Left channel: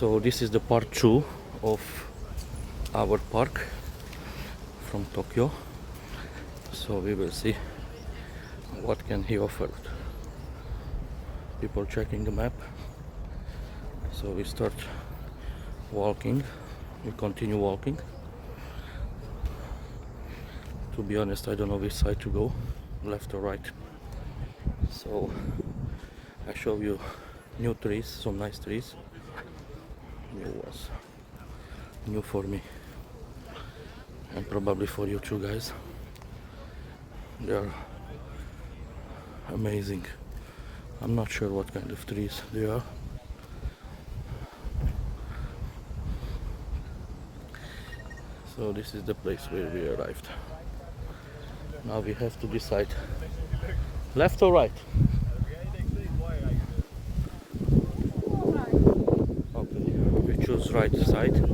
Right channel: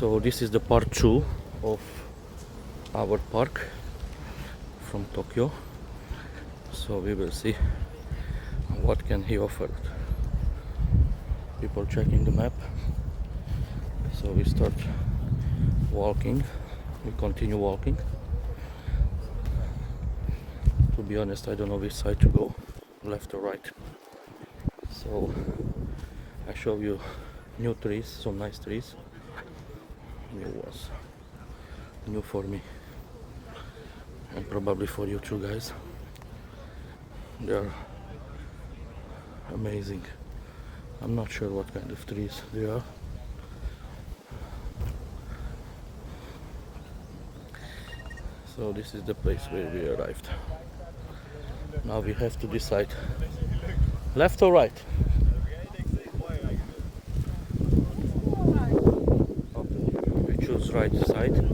So this is the part 2 of our park from Tokyo. So we will see what can he offer. People checking the map. So we start walking. We continue walking. To be honest, I don't know which side to go, left or right. So I show you new trees, some nice trees, new ones, new for me and probably for you too, guys. They are amazing. I'm not sure what kind of trees they are. So this is the place where we arrived. Now we have to decide left or right. We choose right side.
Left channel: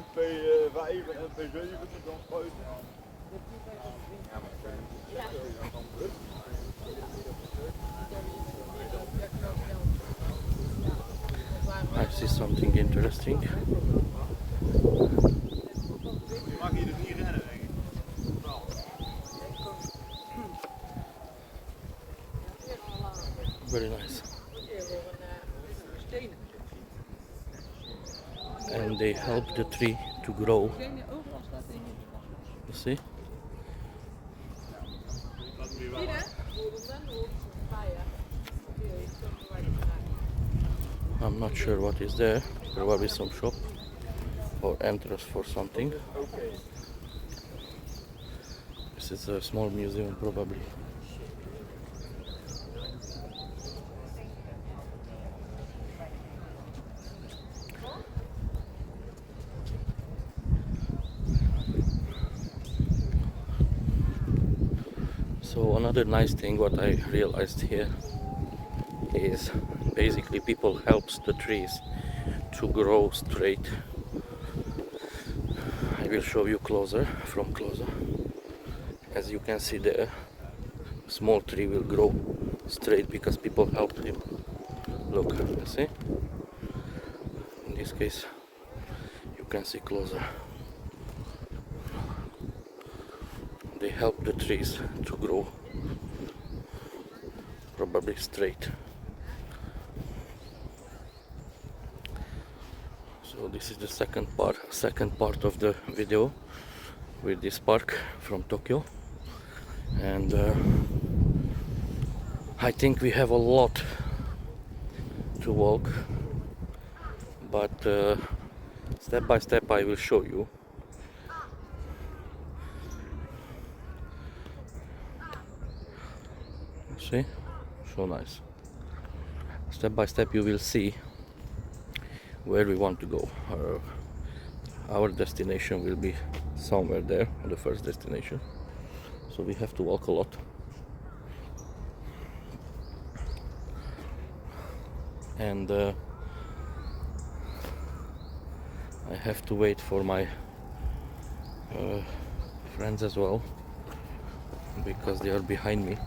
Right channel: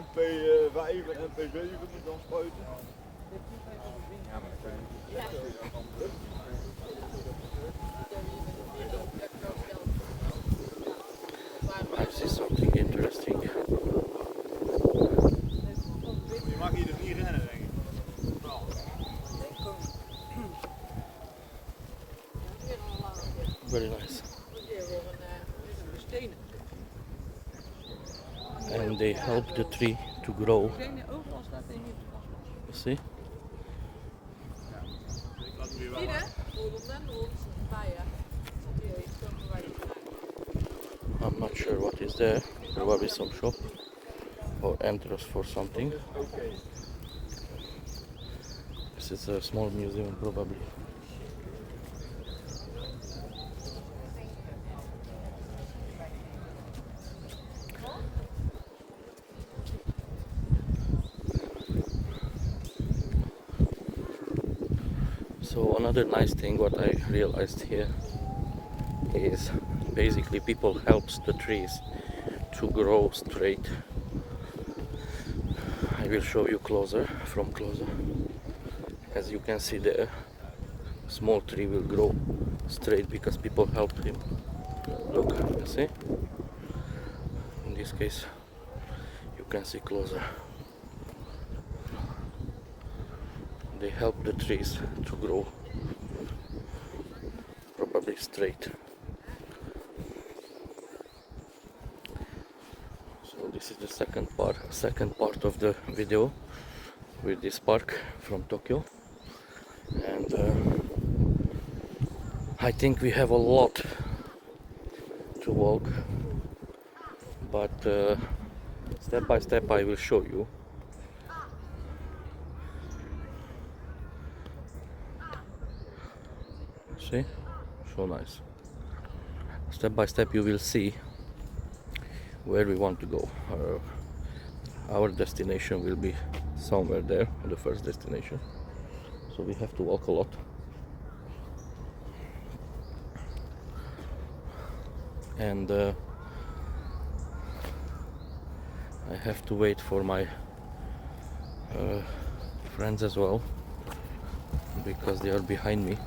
MP5 en MP7 dan spuiten. I see something interesting. Je mag hier dus niet rennen, denk ik. Very nice. And they help the tree to grow. You see? I'm not sure what is there. Probably some shop or entrance for something. This is a small museum, probably. So another nice thing what I realized here is basically people helps the trees to grow straight. I will show you from closer. As you can see there, small tree will grow straight because people helped him. Look, you see? In this case, you can see closer. They help the trees to grow probably straight. So this is the second part of the video with this park from Tokyo, and I think we have a lot to walk, but step by step I will show you. See? So nice. Step by step you will see where we want to go. Our destination will be somewhere there, the first destination. So we have to walk a lot. And I have to wait for my friends as well, because they are behind me.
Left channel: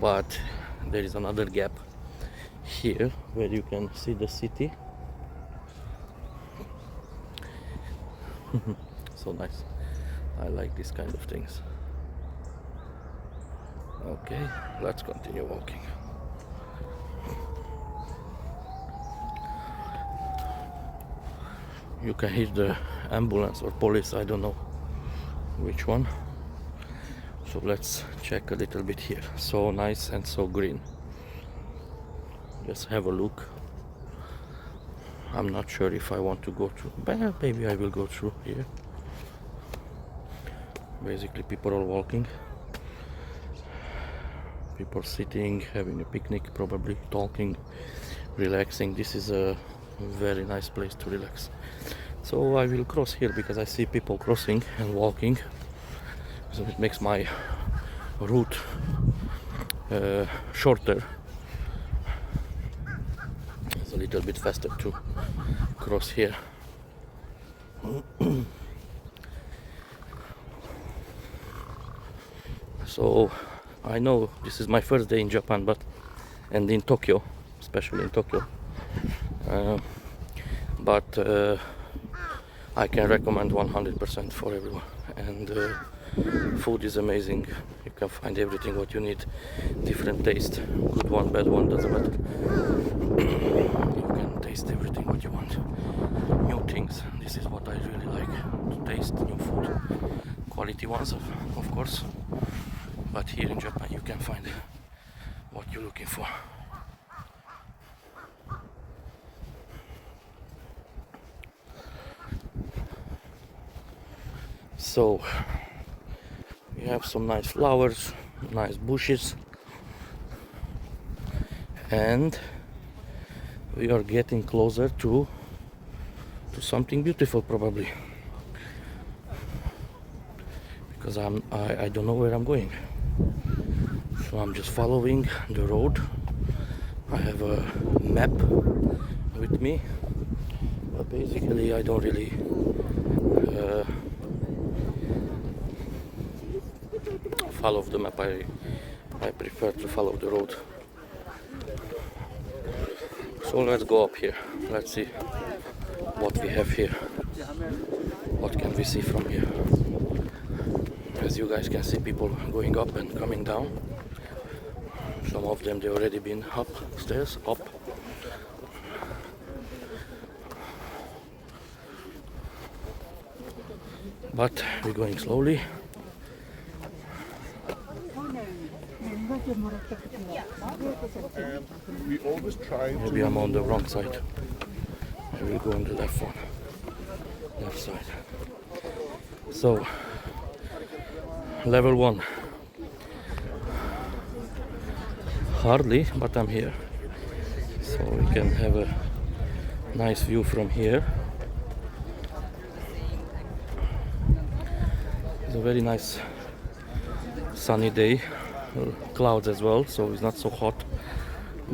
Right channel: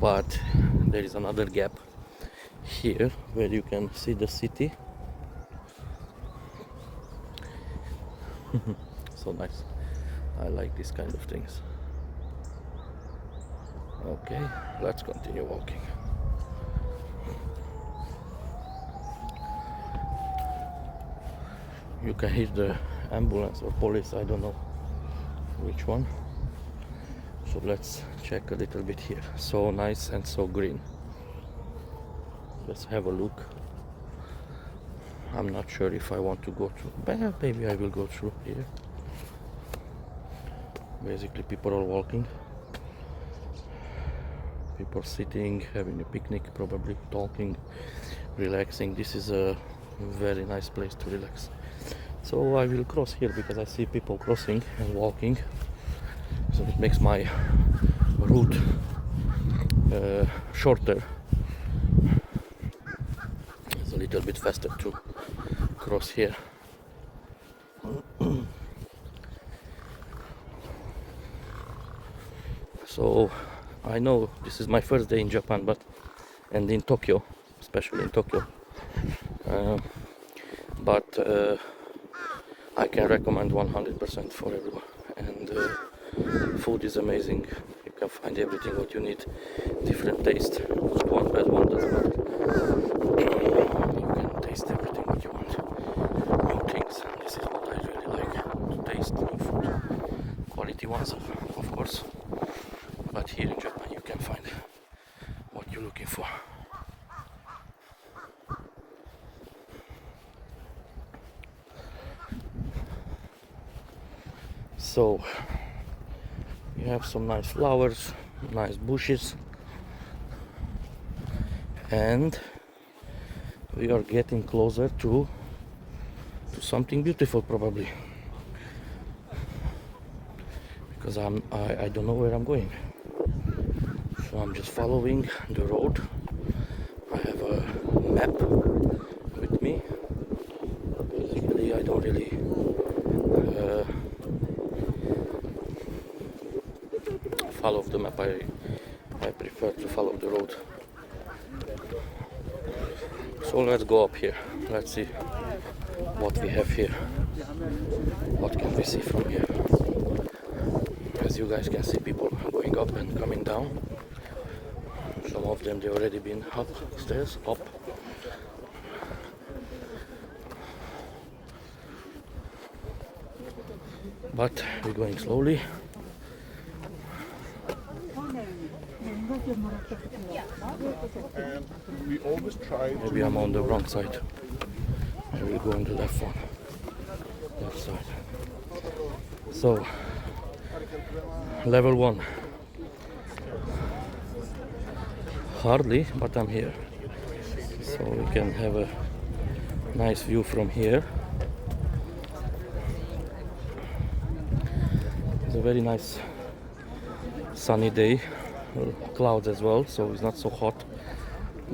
But there is another gap here where you can see the city. So nice. I like these kind of things. Okay, let's continue walking. You can hear the ambulance or police, I don't know which one. So let's check a little bit here. So nice and so green. Just have a look. I'm not sure if I want to go through, but maybe I will go through here. Basically people are walking, people sitting, having a picnic, probably talking, relaxing. This is a very nice place to relax. So I will cross here because I see people crossing and walking, so it makes my route shorter little bit faster to cross here. So I know this is my first day in Japan, and in Tokyo, especially in Tokyo, but I can recommend 100% for everyone. And food is amazing. You can find everything what you need, different taste, good one, bad one, doesn't matter. You can taste everything what you want, new things. And this is what I really like, to taste new food, quality ones, of course. But here in Japan you can find what you're looking for. So we have some nice flowers, nice bushes, and we are getting closer to something beautiful, probably, because I don't know where I'm going. So I'm just following the road. I have a map with me, but basically I don't really follow the map. I prefer to follow the road. So let's go up here. Let's see what we have here. What can we see from here? As you guys can see, people going up and coming down. Some of them, they already been upstairs, up. But we're going slowly. We always try. Maybe I'm on the wrong side. I will go on the left one. Left side. So, level 1. Hardly, but I'm here. So we can have a nice view from here. It's a very nice sunny day. Clouds as well, so it's not so hot,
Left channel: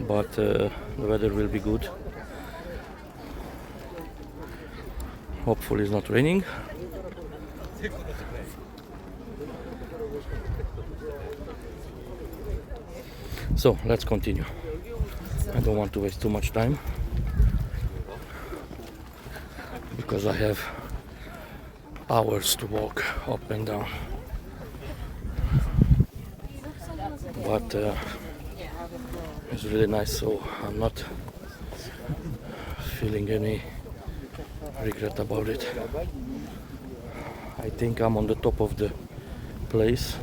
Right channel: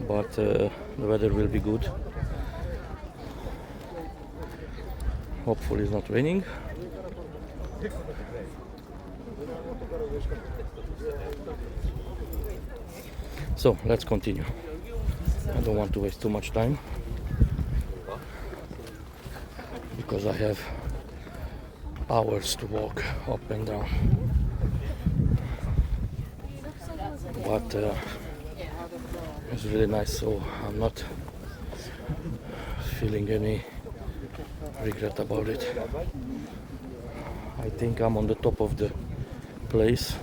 but the weather will be good. Hopefully it's not raining. So let's continue. I don't want to waste too much time because I have hours to walk up and down. But it's really nice, so I'm not feeling any regret about it. I think I'm on the top of the place.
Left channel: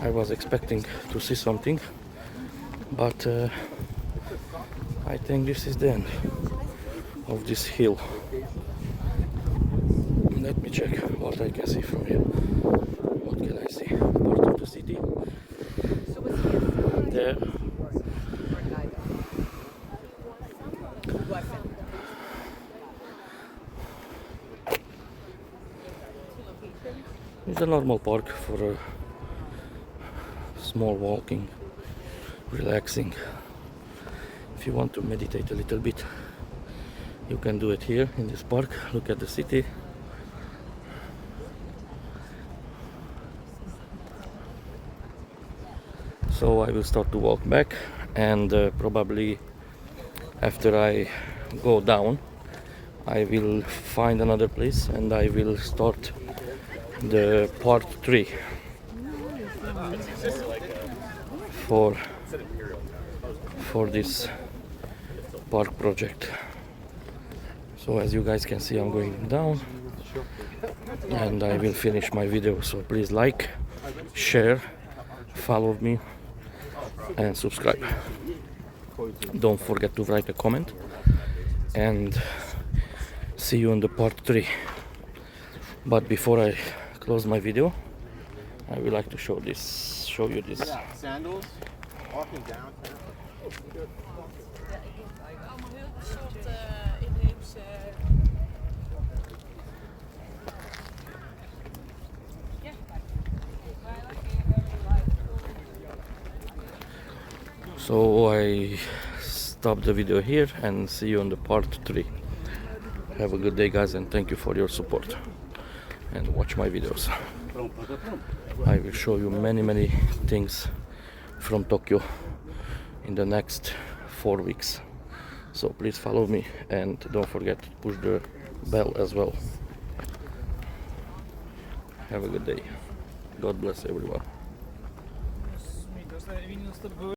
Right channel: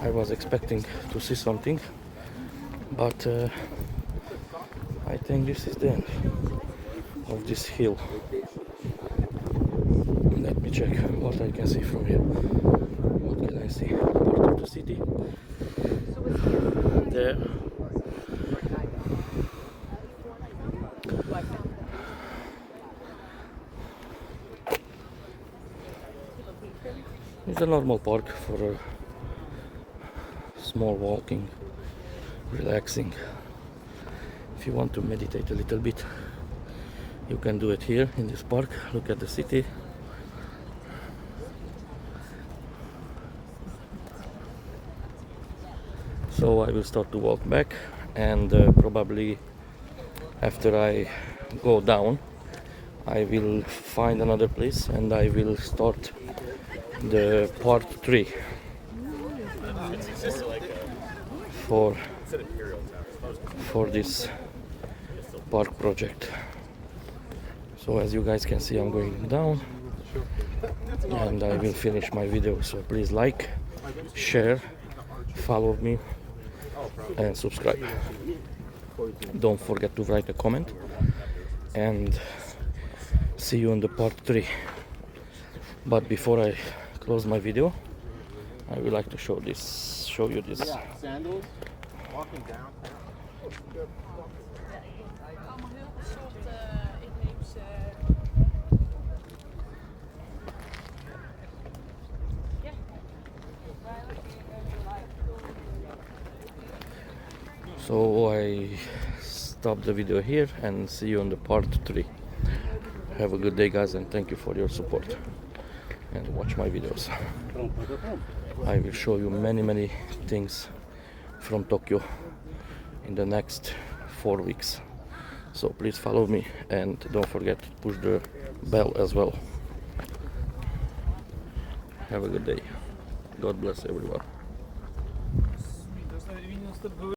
I was expecting to see something, but I think this is the end of this hill. Let me check what I can see from here. What can I see? Part of the city. There. It's a normal park for a small walking, relaxing. If you want to meditate a little bit, you can do it here in this park. Look at the city. So I will start to walk back, and probably after I go down I will find another place and I will start the part 3 for this park project. So as you guys can see, I'm going down and I will finish my video. So please like, share, follow me and subscribe. Don't forget to write a comment, and see you in the part 3. But before I close my video, I would like to show you this. Sandals, walking down. So I stop the video here and see you on the part 3. Have a good day, guys, and thank you for your support and watch my videos. I will show you many things from Tokyo in the next 4 weeks. So please follow me and don't forget to push the bell as well. Have a good day. God bless everyone.